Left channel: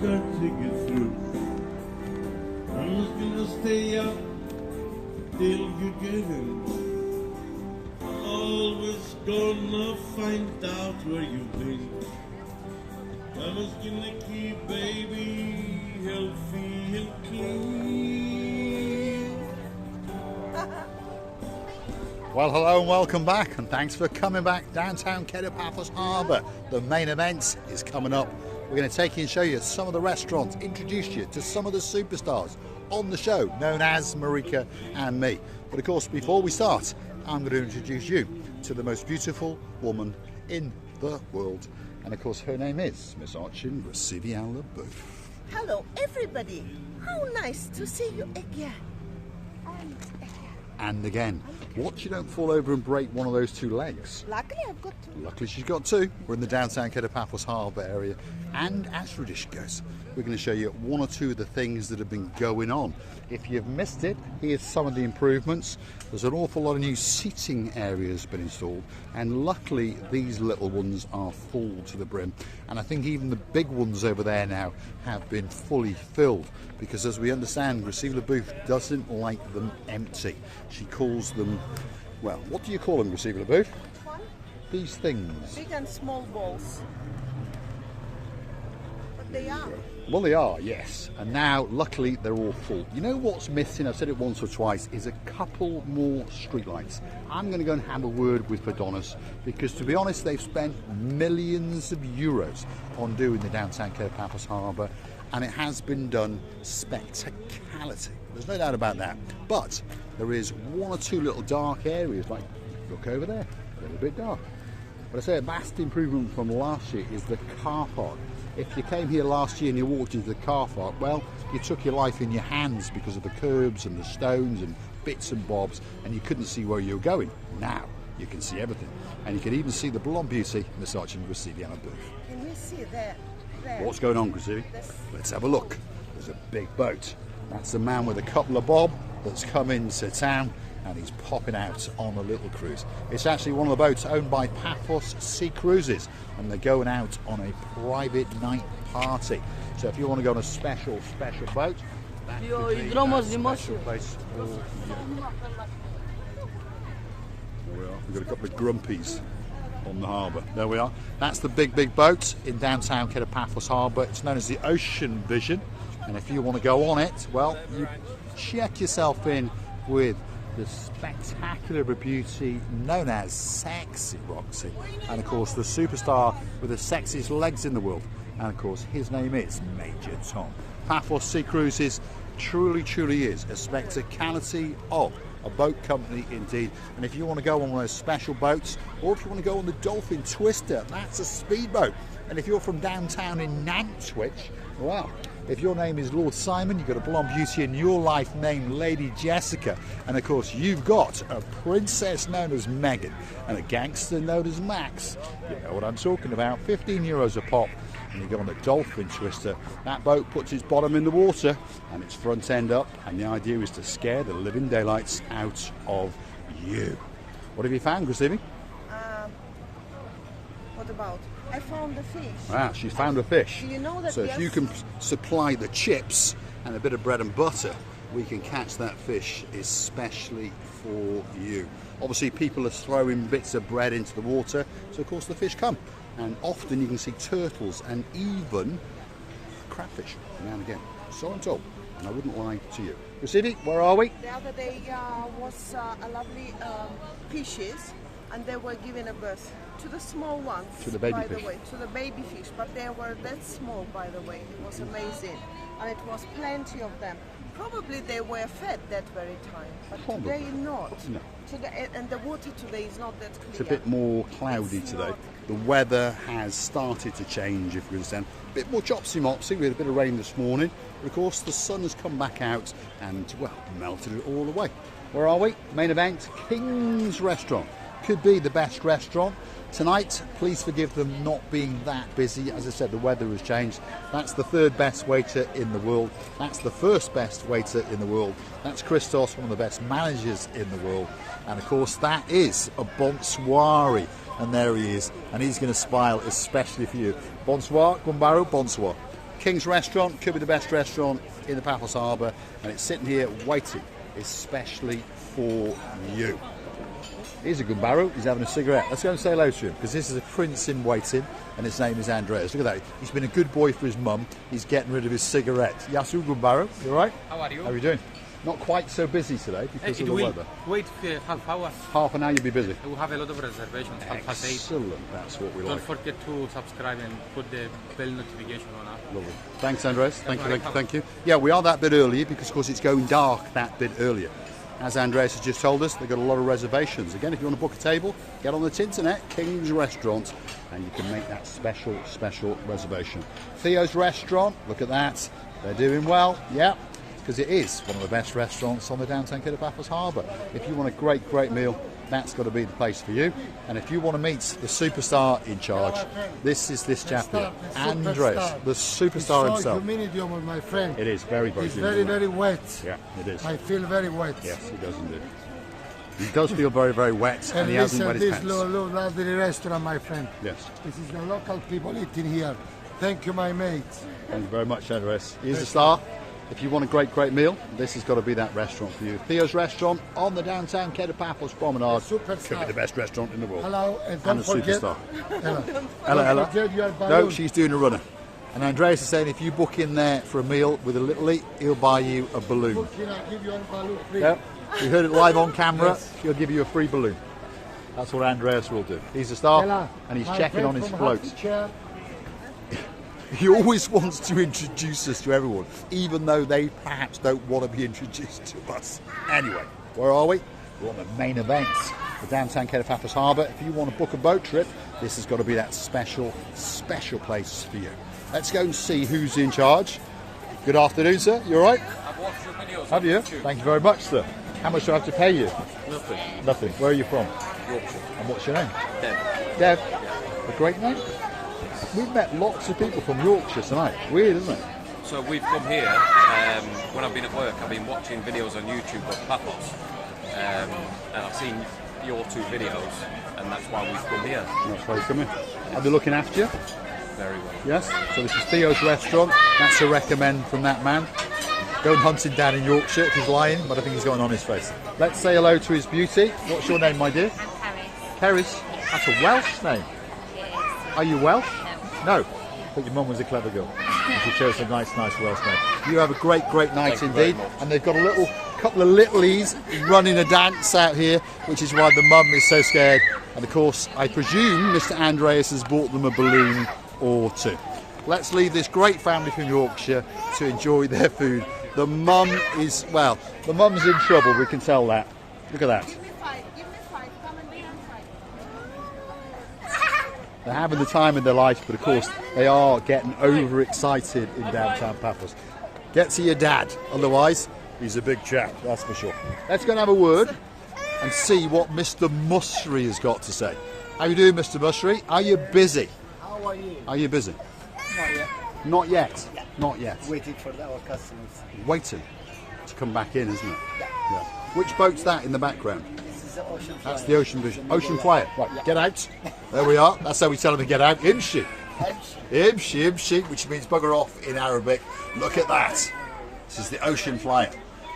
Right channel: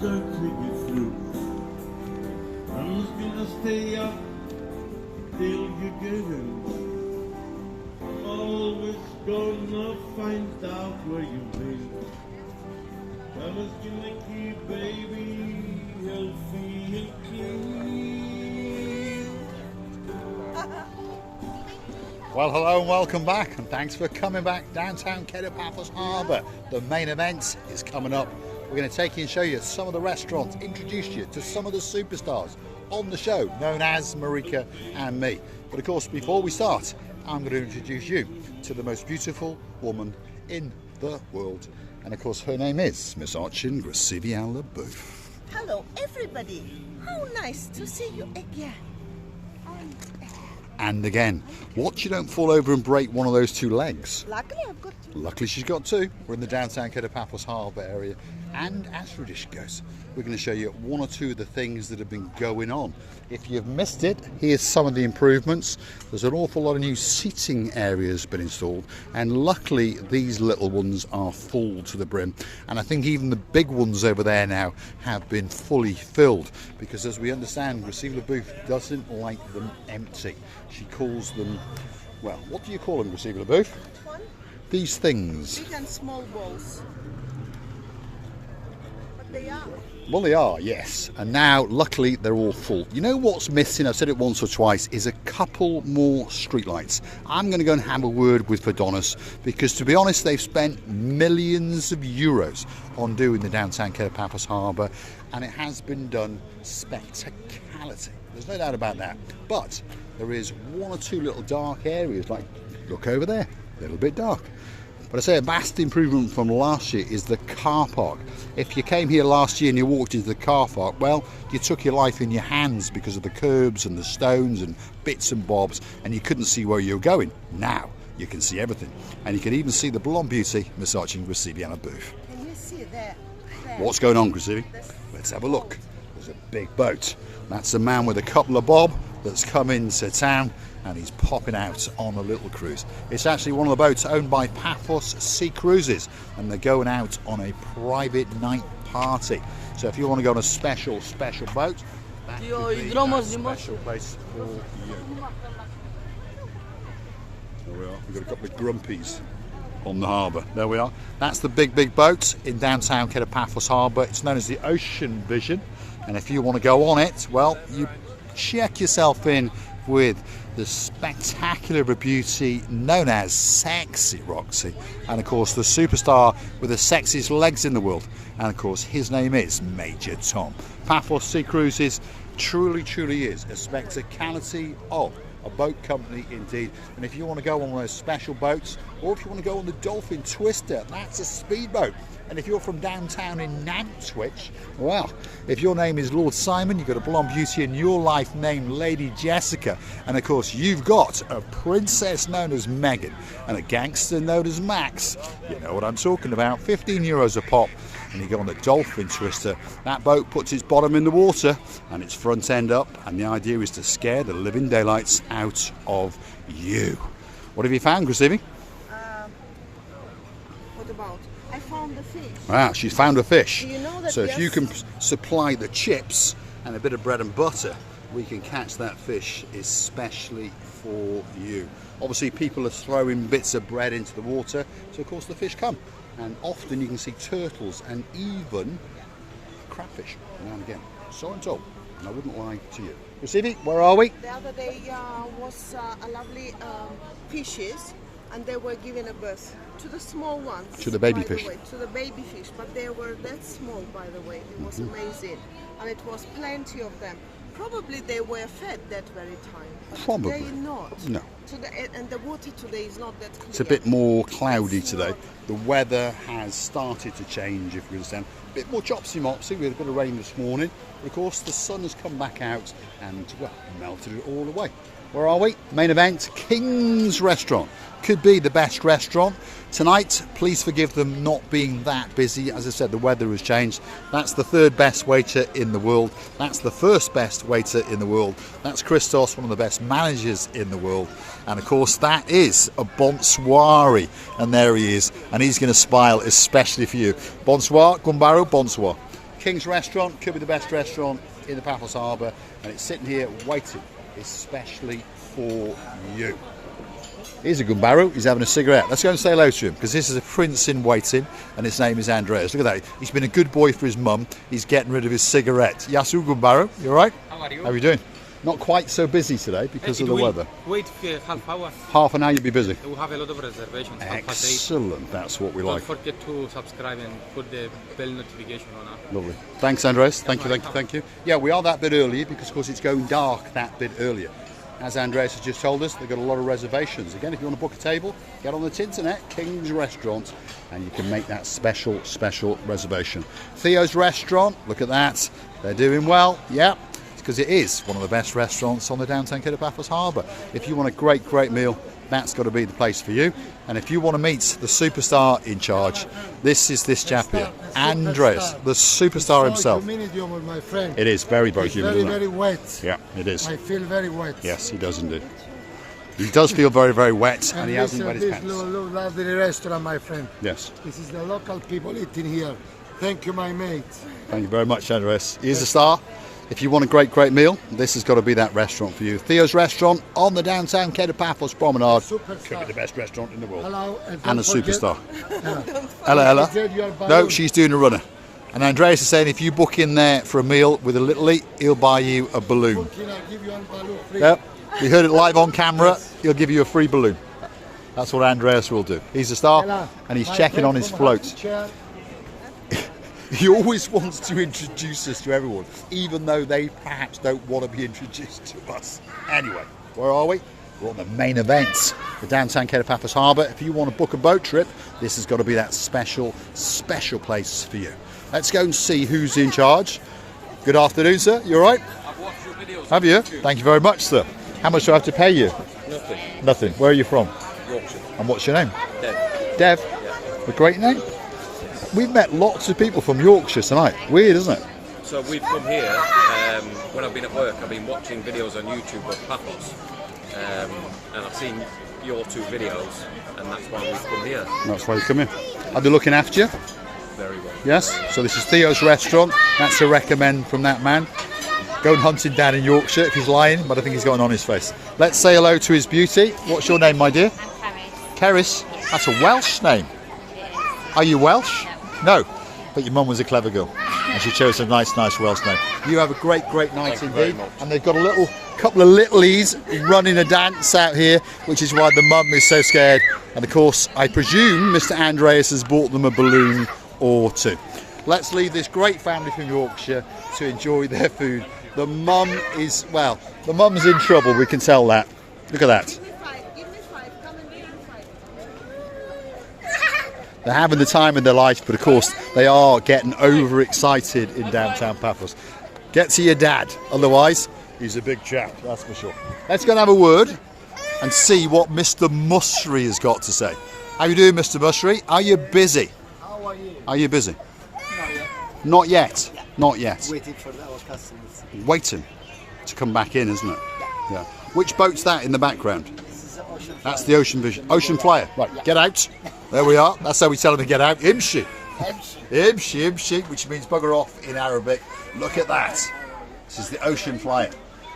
got to get through. I'm just gonna stay up till you get in. Always gonna find out where you've been. I'm just gonna keep baby healthy and clean. Well, hello and welcome back, and thanks for coming back. Downtown Kato, Paphos Harbour. The main event is coming up. We're going to take you and show you some of the restaurants, introduce you to some of the superstars on the show, known as Marika and me. But of course, before we start, I'm going to introduce you to the most beautiful woman in the world. And of course, her name is Miss Archin Grasivian-Leboeuf. Hello, everybody. How nice to see you again. And again. Watch you don't fall over and break one of those two legs. Luckily, I've got two. Luckily, she's got two. We're in the downtown Kato, Paphos Harbour area. And as tradition goes, we're going to show you one or two of the things that have been going on. If you've missed it, here's some of the improvements. There's an awful lot of new seating areas been installed, and luckily these little ones are full to the brim. And I think even the big ones over there now have been fully filled, because as we understand, Grasivian-Leboeuf doesn't like them empty. She calls them, well, what do you call them, Grasivian-Leboeuf? Which one? These things. Big and small balls. They are. Well, they are, yes. And now, luckily, they're all full. You know what's missing, I've said it once or twice, is a couple more streetlights. I'm going to go and have a word with Padonis, because to be honest, they've spent millions of euros on doing the downtown Kato, Paphos Harbour, and it has been done spectacularly. There's no doubt about that. But there is one or two little dark areas, like, look over there, a little bit dark. But I say a vast improvement from last year is the car park. If you came here last year and you walked into the car park, well, you took your life in your hands because of the curbs and the stones and bits and bobs, and you couldn't see where you were going. Now you can see everything, and you can even see the blonde beauty, Miss Archin Grasivian-Leboeuf. Can you see there? What's going on, Grasivi? Let's have a look. There's a big boat. That's a man with a couple of bob that's come into town, and he's popping out on a little cruise. It's actually one of the boats owned by Paphos Sea Cruises, and they're going out on a private night party. So if you want to go on a special boat, that could be a special place for you. There we are. We've got a couple of grumpies on the harbour. There we are. That's the big boat in downtown Kato, Paphos Harbour. It's known as the Ocean Vision, and if you want to go on it, well, you check yourself in with the spectacular beauty known as Sexy Roxy, and of course the superstar with the sexiest legs in the world, and of course his name is Major Tom. Paphos Sea Cruises truly is a spectacality of a boat company indeed. And if you want to go on one of those special boats, or if you want to go on the Dolphin Twister, that's a speedboat. And if you're from downtown in Nantwich, well, if your name is Lord Simon, you've got a blonde beauty in your life named Lady Jessica, and of course you've got a princess known as Megan and a gangster known as Max. You know what I'm talking about. 15 euros a pop, and you go on the Dolphin Twister. That boat puts its bottom in the water and its front end up, and the idea is to scare the living daylights out of you. What have you found, Grasivi? What about? I found the fish. Wow, she's found a fish. Do you know that? So if you can supply the chips and a bit of bread and butter, we can catch that fish especially for you. Obviously people are throwing bits of bread into the water, so of course the fish come. And often you can see turtles and even crayfish now and again. So I'm told, and I wouldn't lie to you. Grasivi, where are we? The other day was a lovely fishes, and they were giving a birth to the small ones. To the baby by fish. The way, to the baby fish, but they were that small, by the way. It was amazing, and it was plenty of them. Probably they were fed that very time, but Probably. today not. No. Today, and the water today is not that clear. It's a bit more cloudy It's today. not. The weather has started to change, if you understand. A bit more chopsy-mopsy with a bit of rain this morning. But of course, the sun has come back out and, well, melted it all away. Where are we? Main event, King's Restaurant. Could be the best restaurant. Tonight, please forgive them not being that busy. As I said, the weather has changed. That's the third best waiter in the world. That's the first best waiter in the world. That's Christos, one of the best managers in the world. And of course, that is a bonsoir. And there he is. And he's going to smile especially for you. Bonsoir, Gumbaro, bonsoir. King's Restaurant could be the best restaurant in the Paphos Harbour, and it's sitting here waiting especially for you. Here's a good barrow. He's having a cigarette. Let's go and say hello to him, because this is a prince in waiting, and his name is Andreas. Look at that. He's been a good boy for his mum. He's getting rid of his cigarette. Yasu, good barrow. You all right? How are you? How are you doing? Not quite so busy today because of the weather. Wait half hour. Half an hour you'll be busy. We have a lot of reservations. Excellent. That's what we Don't like. forget to subscribe and put the bell notification on. Lovely. Thanks, Andres. Thank you. Yeah, we are that bit early because, of course, it's going dark that bit earlier. As Andres has just told us, they've got a lot of reservations. Again, if you want to book a table, get on the internet, King's Restaurant, and you can make that special reservation. Theo's Restaurant, look at that. They're doing well. Yeah, because it is one of the best restaurants on the downtown Kato Paphos Harbour. If you want a great meal, that's got to be the place for you. And if you want to meet the superstar in charge, this is this chap here, Andres, the superstar himself. Humidity, my friend. It is very it's humid. very wet. Yeah, it is. I feel very wet. Yes, he does indeed. He does feel very wet, and he hasn't wet his pants. This lovely restaurant, my friend. Yes. This is the local people eating here. Thank you, my mate. Thank you very much, Andres. He's a star. If you want a great meal, this has got to be that restaurant for you. Theo's Restaurant on the downtown Kato Paphos Promenade. Superstar. Could be the best restaurant in the world. Hello, and And a forget, superstar. Hello. Hello. No, she's doing a runner. And Andreas is saying if you book in there for a meal with a little eat, he'll buy you a balloon. Can I give you a balloon, please? Yep. You heard it live on camera. He'll give you a free balloon. That's what Andreas will do. He's a star, Hello. and he's My checking friend on his from float. Happy Chair. He always wants to introduce us to everyone, even though they perhaps don't want to be introduced to us. Anyway, where are we? We're on the main event, the downtown Kato Paphos Harbour. If you want to book a boat trip, this has got to be that special place for you. Let's go and see who's in charge. Good afternoon, sir. You all right? I've watched your videos. Have you? Thank you very much, sir. How much do I have to pay you? Nothing. Nothing. Where are you from? Yorkshire. And what's your name? Dead. Dev. Yeah. A great name. We've met lots of people from Yorkshire tonight. Weird, isn't it? So we've come here, when I've been at work, I've been watching videos on YouTube of Paphos, and I've seen your two videos, and that's why we've come here. That's why you come here. Are they looking after you? Very well. Yes. So this is Theo's Restaurant. That's a recommend from that man. Going hunting down in Yorkshire if he's lying, but I think he's got it on his face. Let's say hello to his beauty. What's your name, my dear? I'm Caris. Caris? Yes. That's a Welsh name. Yes. Are you Welsh? No. No. But your mum was a clever girl, and she chose a nice Welsh name. You have a great night indeed. And they've got a couple of littlies running a dance out here, which is why the mum is so scared. And of course, I presume Mr. Andreas has bought them a balloon or two. Let's leave this great family from Yorkshire to enjoy their food. The mum is, well, the mum's in trouble, we can tell that. Look at that. Give me five. Come and give me five. They're having the time of their life, but of course they are getting overexcited in downtown Paphos. Get to your dad, otherwise he's a big chap, that's for sure. Let's go and have a word and see what Mr. Musri has got to say. How you doing, Mr. Musri? Are you busy? How are you? Are you busy? Not yet. Not yet. Not yet. Waiting for our customers. Waiting to come back in, isn't it? Yeah. Which boat's that in the background? This is the Ocean Flyer. That's the Ocean Vision. Ocean Flyer. Right, get out. There we are. That's how we tell them to get out. Imshi. Imshi, which means bugger off in Arabic. Look at that. This is the Ocean Flyer.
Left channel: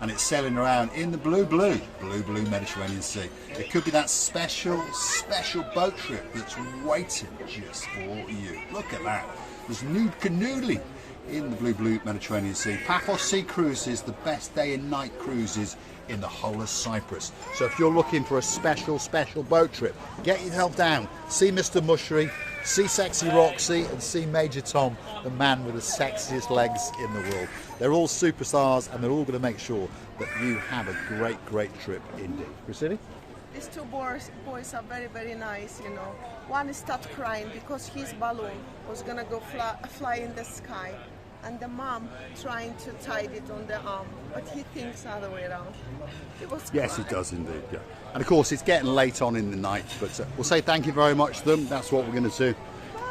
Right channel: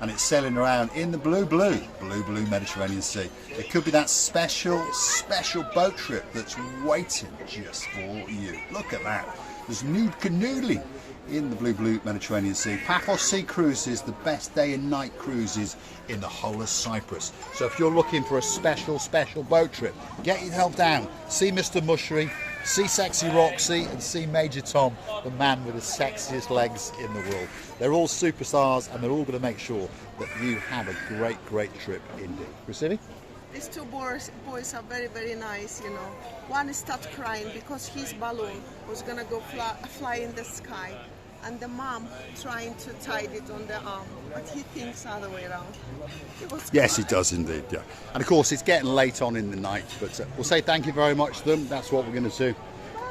And it's sailing around in the blue Mediterranean Sea. It could be that special boat trip that's waiting just for you. Look at that. There's nude canoodling in the blue Mediterranean Sea. Paphos Sea Cruises, the best day and night cruises in the whole of Cyprus. So if you're looking for a special boat trip, get yourself down. See Mr. Musri, see Sexy Roxy, and see Major Tom, the man with the sexiest legs in the world. They're all superstars, and they're all going to make sure that you have a great trip indeed. Christine? These two boys are very nice, you know. One started crying because his balloon was gonna go fly in the sky, and the mom trying to tie it on the arm, but he thinks other way around. Yes, he does indeed, yeah. And of course, it's getting late on in the night, but we'll say thank you very much to them. That's what we're going to do.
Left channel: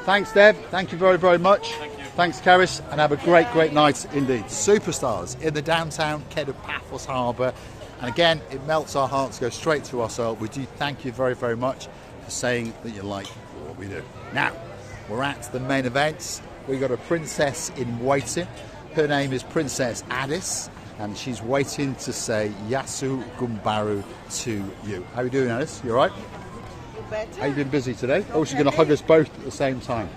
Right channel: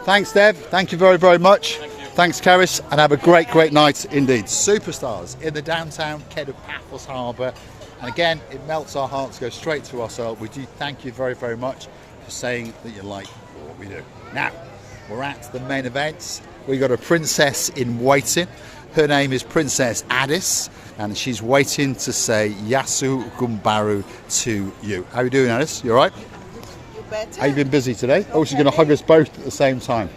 Thanks, Dev. Thank you very much. Thanks, Caris, and have a great night indeed. Superstars in the downtown Kato Paphos Harbour. And again, it melts our hearts, go straight to our soul. We do thank you very much for saying that you like what we do. Now, we're at the main event. we got a princess in waiting. Her name is Princess Addis, and she's waiting to say Yasu Gumbaru to you. How are you doing, Addis? You all right? Better. Have you been busy today? Oh, she's going to hug us both at the same time.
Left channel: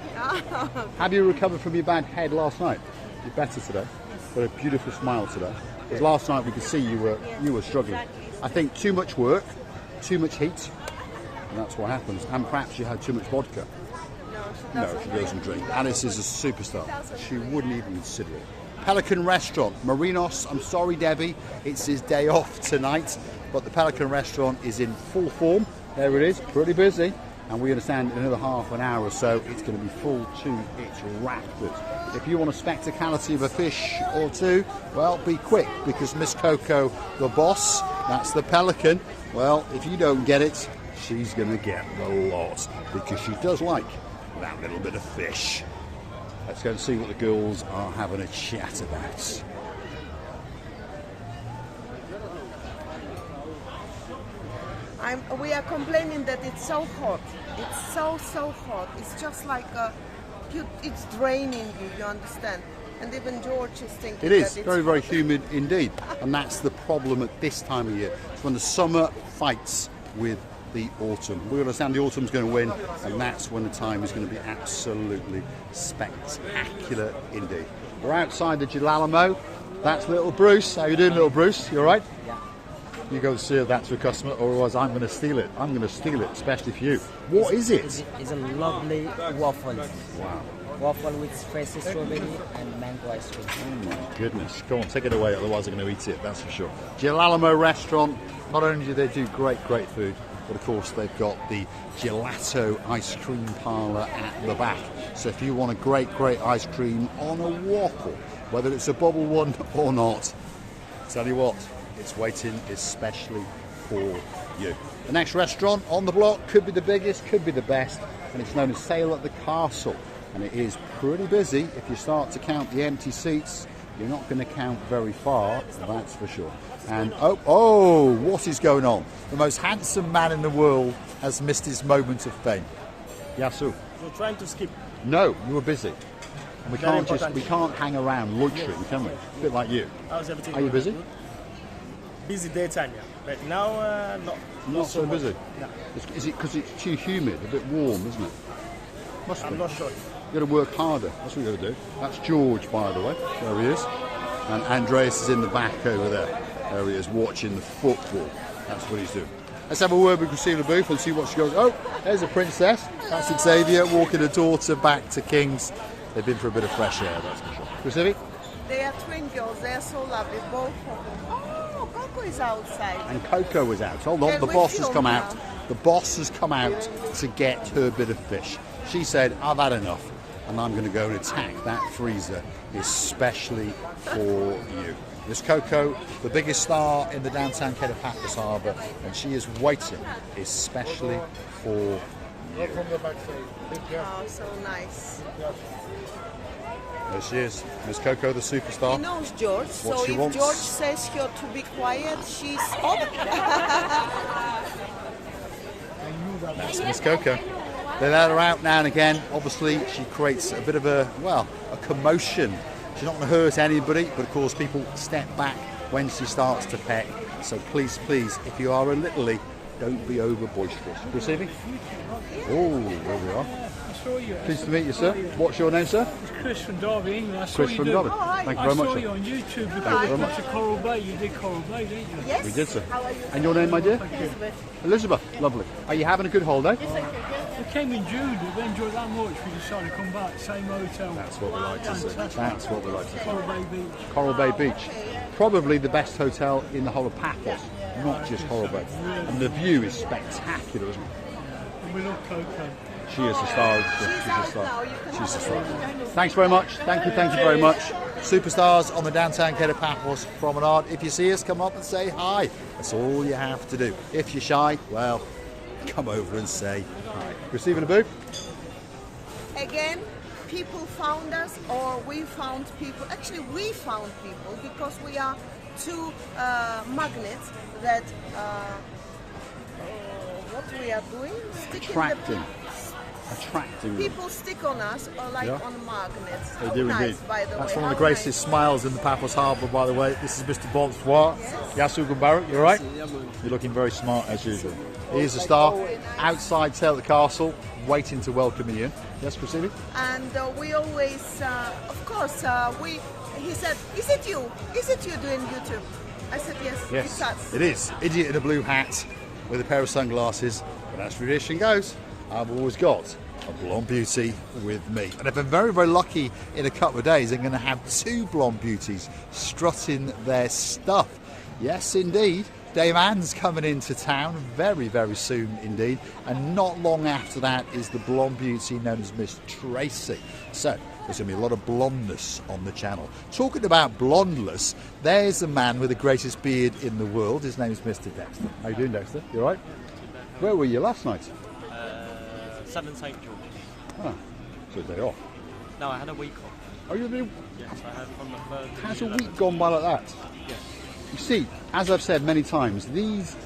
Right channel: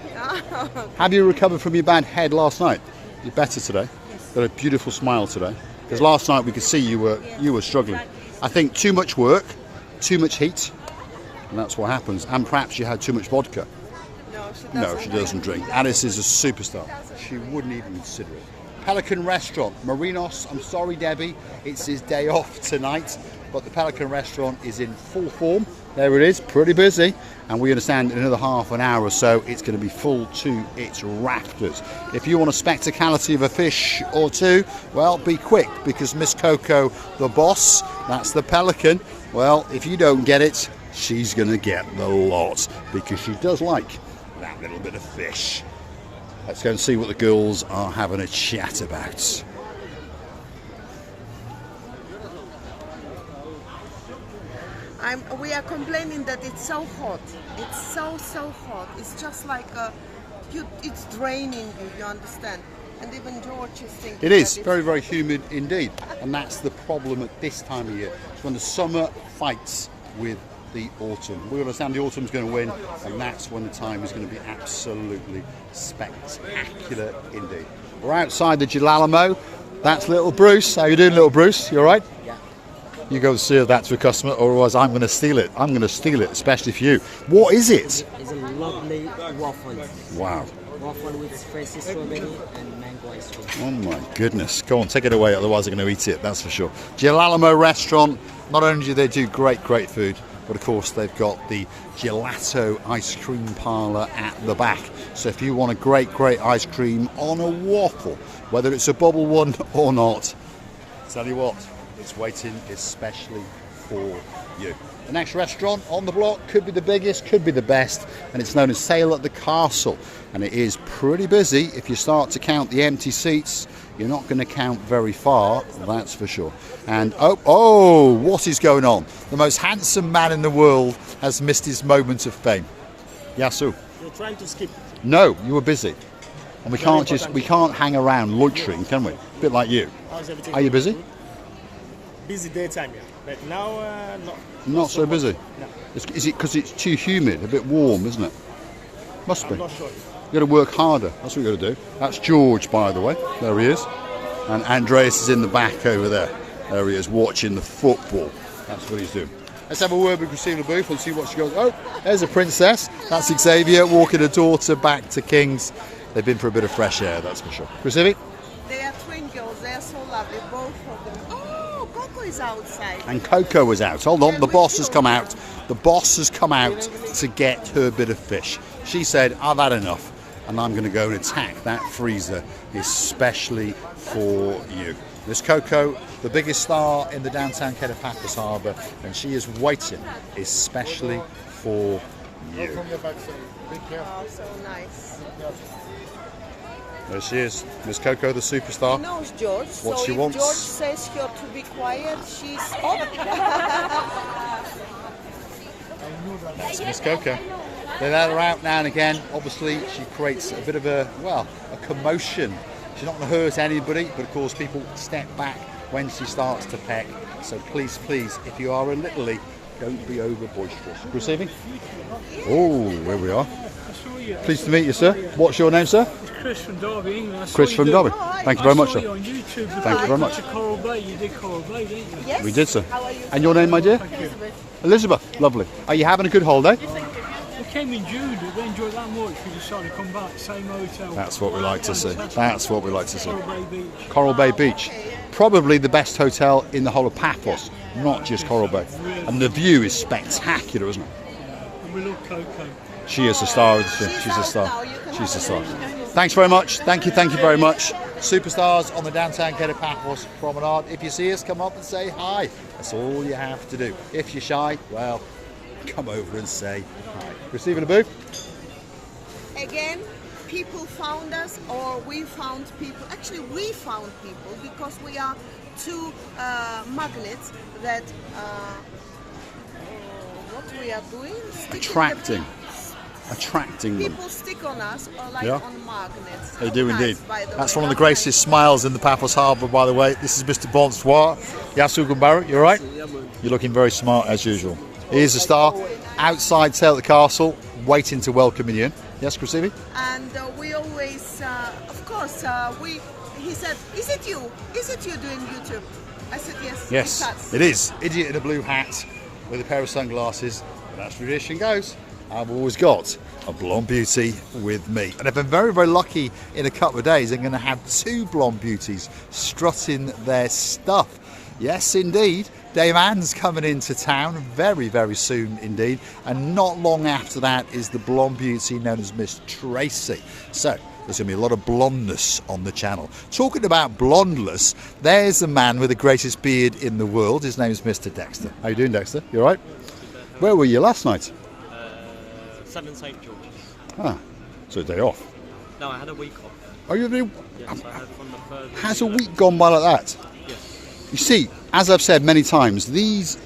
Have you recovered from your bad head last night? You're better today. Got a beautiful smile today. Because last night we could see you were struggling. I think too much work, too much heat, and that's what happens. And perhaps you had too much vodka. No, she doesn't drink. Alice is a superstar. She wouldn't even consider it. Pelican Restaurant, Marinos. I'm sorry, Debbie, it's his day off tonight, but the Pelican Restaurant is in full form. There it is, pretty busy, and we understand in another half an hour or so it's going to be full to its rafters. If you want a spectacality of a fish or two, well, be quick, because Miss Coco, the boss, that's the Pelican, well, if you don't get it, she's going to get the lot, because she does like that little bit of fish. Let's go and see what the girls are having a chat about. We are complaining that it's so hot. It's so hot. It's just like it's draining you. You understand? And even George is thinking. It is that very, very humid indeed, and that's the problem at this time of year. It's when the summer fights with the autumn. We understand the autumn's going to win, and that's when the time is going to be absolutely spectacular indeed. We're outside the Gilalamo. That's little Bruce. How you doing, little Bruce? You all right? Yeah. You go serve that to a customer, otherwise I'm going to steal it. I'm going to steal it, especially for you. What is it? It's a lovely waffle. Wow. Waffle with fresh strawberry and mango ice cream. Oh my goodness. Go on, take it away, otherwise I'm going to eat it, that's for sure. Gilalamo Restaurant, not only do they do great food, but of course they've got the gelato ice cream parlour at the back. So if you want a great ice cream on a waffle, whether it's a bubble one or not, tell you what, it's waiting especially for you. The next restaurant on the block could be the biggest, could be the best, and it's known as Sail at the Castle. And it is pretty busy. If you start to count the empty seats, you're not going to count very far, that's for sure. And oh, what is going on? The most handsome man in the world has missed his moment of fame. Yasu. You're trying to skip. No, you were busy. And we Very can't hang around loitering, can we? A bit like you. How's everything? Are you going? busy? Good? Busy daytime, yeah. But now, Not so much. busy. No. Is it because it's too humid, a bit warm, isn't it? Must be. I'm not sure. You've got to work harder. That's what you've got to do. That's George, by the way. There he is. And Andreas is in the back over there. There he is, watching the football. That's what he's doing. Let's have a word with Christina Booth and see what she goes. Oh, there's a princess. That's Xavier walking her daughter back to King's. They've been for a bit of fresh air, that's for sure. Chrissy? They are twin girls. They are so lovely, both of them. Oh, Coco is outside. And Coco was out. Hold on, the boss has come out. The boss has come out to get her bit of fish. She said, I've had enough, and I'm going to go and attack that freezer, especially for you. There's Coco, the biggest star in the downtown Kato Paphos Harbour, and she is waiting especially for you. Oh, so nice. There she is, Miss Coco, the superstar. He knows George, What so she if wants. George says her to be quiet, she's on. That's Miss Coco. They let her out now and again. Obviously, she creates a bit of a commotion. She's not going to hurt anybody, but of course people step back when she starts to peck. So please, if you are a littly, don't be over boisterous. Receiving? Oh, there we are. Pleased to meet you, sir. What's your name, sir? It's Chris from Derby, England. Chris from Derby. Thank you very much, I saw sir. you on YouTube before Thank you very much. to Coral Bay. You did Coral Bay, didn't you? Yes. We did, sir. And your name, my dear? Elizabeth. Lovely. Are you having a good holiday? We came in June. We enjoyed that much. We decided to come back. Same hotel. That's what we like to see. Fantastic. That's what we like to see. Coral Bay Beach. Coral Bay Beach. Probably the best hotel in the whole of Paphos, not just Coral Bay. And the view is spectacular, isn't it? And we love Coco. She is a star, isn't she? She's a star. She's a star. Thanks very much. Thank you very much. Superstars on the downtown Kato Paphos promenade. If you see us, come up and say hi. That's all you have to do. If you're shy, well, come over and say hi. Receiving a boo? Again, people found us, or we found people. Actually, we found people because we are two magnets that. What we are doing? Attracting. attracting them. People stick on us or like Yeah. on magnets. They How do nice, indeed. by the That's way. one of the How greatest nice. smiles in the Paphos Harbour, by the way. This is Mr. Bonsoir. Yasu Gumbaru, you all right? You're looking very smart as usual. Here's the star outside sail at the castle, waiting to welcome you in. Yes, Chrissy? And we always, of course, he said, is it you? Is it you doing YouTube? I said, yes. Yes, It's us. it is. Idiot in a blue hat with a pair of sunglasses. But as tradition goes, I've always got a blonde beauty with me. And I've been very, very lucky in a couple of days. I'm going to have two blonde beauties strutting their stuff. Yes, indeed. Dame Anne's coming into town very, very soon indeed. And not long after that is the blonde beauty known as Miss Tracy. So there's going to be a lot of blondness on the channel. Talking about blondeless, there's a man with the greatest beard in the world. His name's Mr. Dexter. How you doing, Dexter? You all right? Where were you last night? 7 St George's. Ah, so a day off. No, I had a week off. Oh, you have Yes, I had from the 3rd. Has a week gone by like that? Yes. You see, as I've said many times, these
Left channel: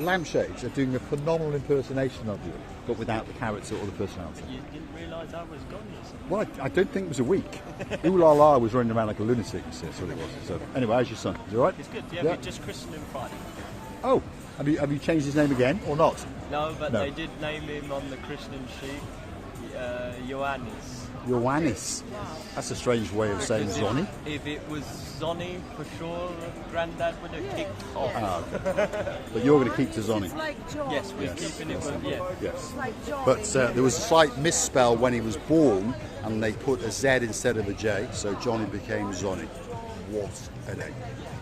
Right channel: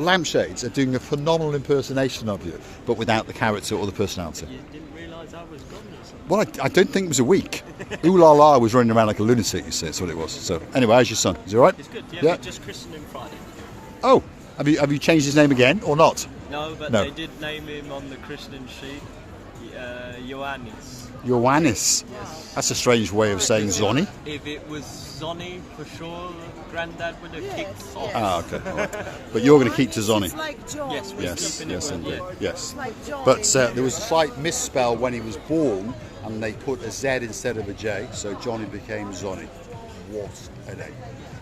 lampshades are doing a phenomenal impersonation of you, but without the character or the personality. You didn't realise I was gone, you said? Well, I don't think it was a week. Ooh la la was running around like a lunatic, you see, that's what it was. So, anyway, how's your son? Is he all right? It's good, yeah, Yeah. we just christened him Friday. Oh, have you changed his name again or not? No, but No. they did name him on the christening sheet, Ioannis. Ioannis. That's a strange way of saying Zonny. If it was Zonny, for sure, Grandad would have kicked off. Ah, okay. But you're going to keep to Zonny. It's like John. Yes, we're Yes, keeping yes, it, indeed. yeah. Yes. Like John. But there was a slight misspell when he was born, and they put a Z instead of a J, so Johnny became Zonny. What a day.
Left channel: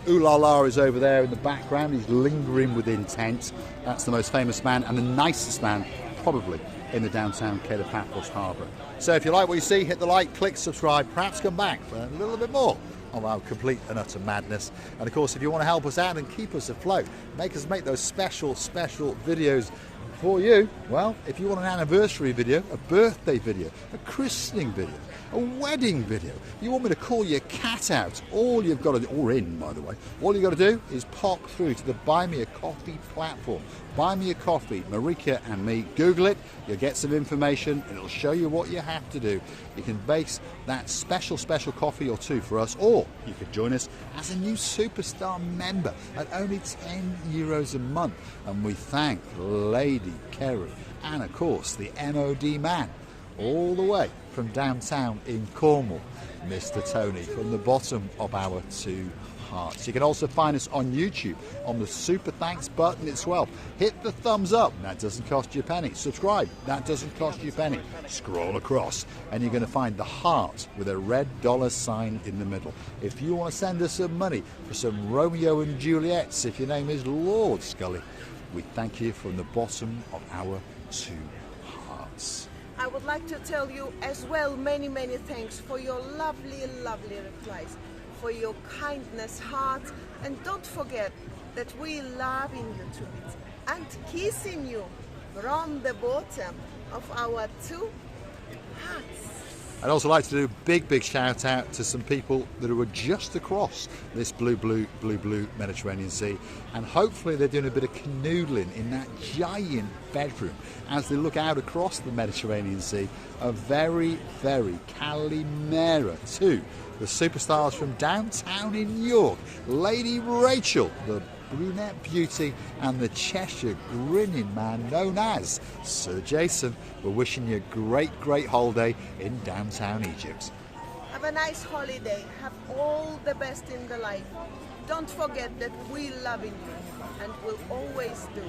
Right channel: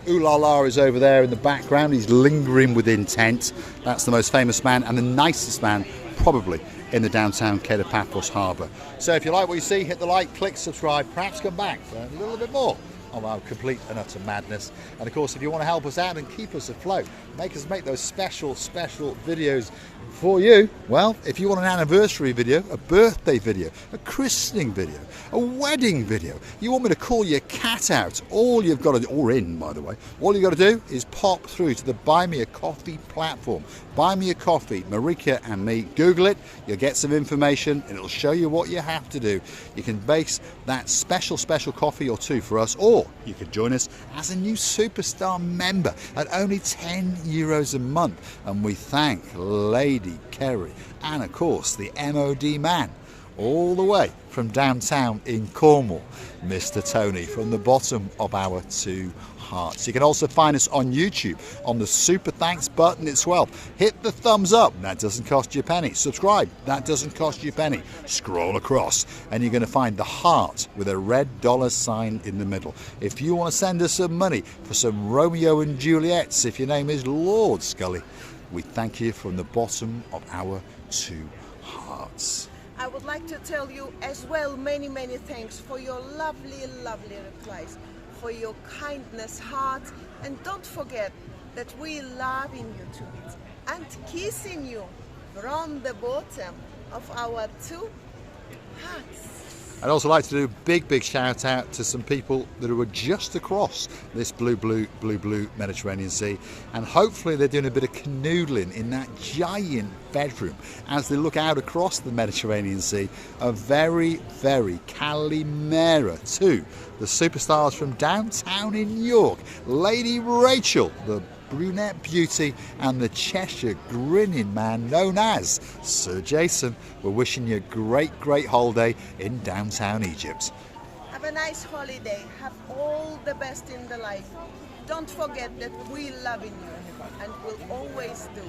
Ooh la la is over there in the background. He's lingering with intent. That's the most famous man and the nicest man, probably, in the downtown Kato Paphos Harbour. So if you like what you see, hit the like, click subscribe, perhaps come back for a little bit more of our complete and utter madness. And of course, if you want to help us out and keep us afloat, make those special videos for you. Well, if you want an anniversary video, a birthday video, a christening video, a wedding video, you want me to call your cat out, all you've got to do, or in by the way, all you've got to do is pop through to the Buy Me a Coffee platform. Buy Me a Coffee, Marika and me. Google it, you'll get some information and it'll show you what you have to do. You can base that special coffee or two for us, or you could join us as a new superstar member at only €10 a month. And we thank Lady Kerry and of course the MOD man all the way from downtown in Cornwall, Mr. Tony, from the bottom of our two hearts. You can also find us on YouTube on the super thanks button as well. Hit the thumbs up, that doesn't cost you a penny. Subscribe, that doesn't cost you a penny. Scroll across and you're going to find the heart with a red $sign in the middle. If you want to send us some money for some Romeo and Juliets, if your name is Lord Scully, we thank you from the bottom of our two hearts. I would like to tell you as well many thanks for your lovely replies, for your kindness, heart, and don't forget that we loving you too and kissing you from the bottom of our two hearts. I'd also like to do a big shout out to some people that are just across this blue Mediterranean Sea, and hopefully they're doing a bit of canoodling in that giant bedroom as they look out across the Mediterranean Sea. A very Calimera to the superstars from downtown in York, Lady Rachel, the brunette beauty, and the Cheshire grinning man known as Sir Jason. We're wishing you a great holiday in downtown Egypt. Have a nice holiday. Have all the best in the life. Don't forget that we loving you and will always do.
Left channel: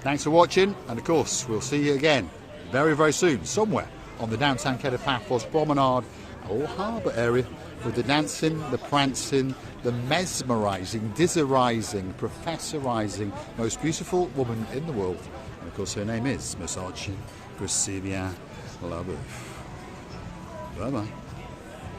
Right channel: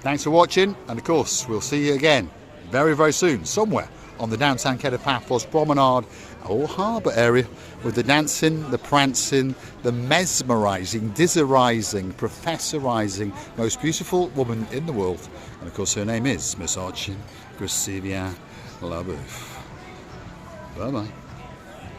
Thanks for watching, and of course we'll see you again very soon somewhere on the downtown Kato Paphos promenade or harbour area, with the dancing, the prancing, the mesmerising, dizzerising, professorising, most beautiful woman in the world. And of course her name is Miss Archie Gracilia Labeouf. Bye bye.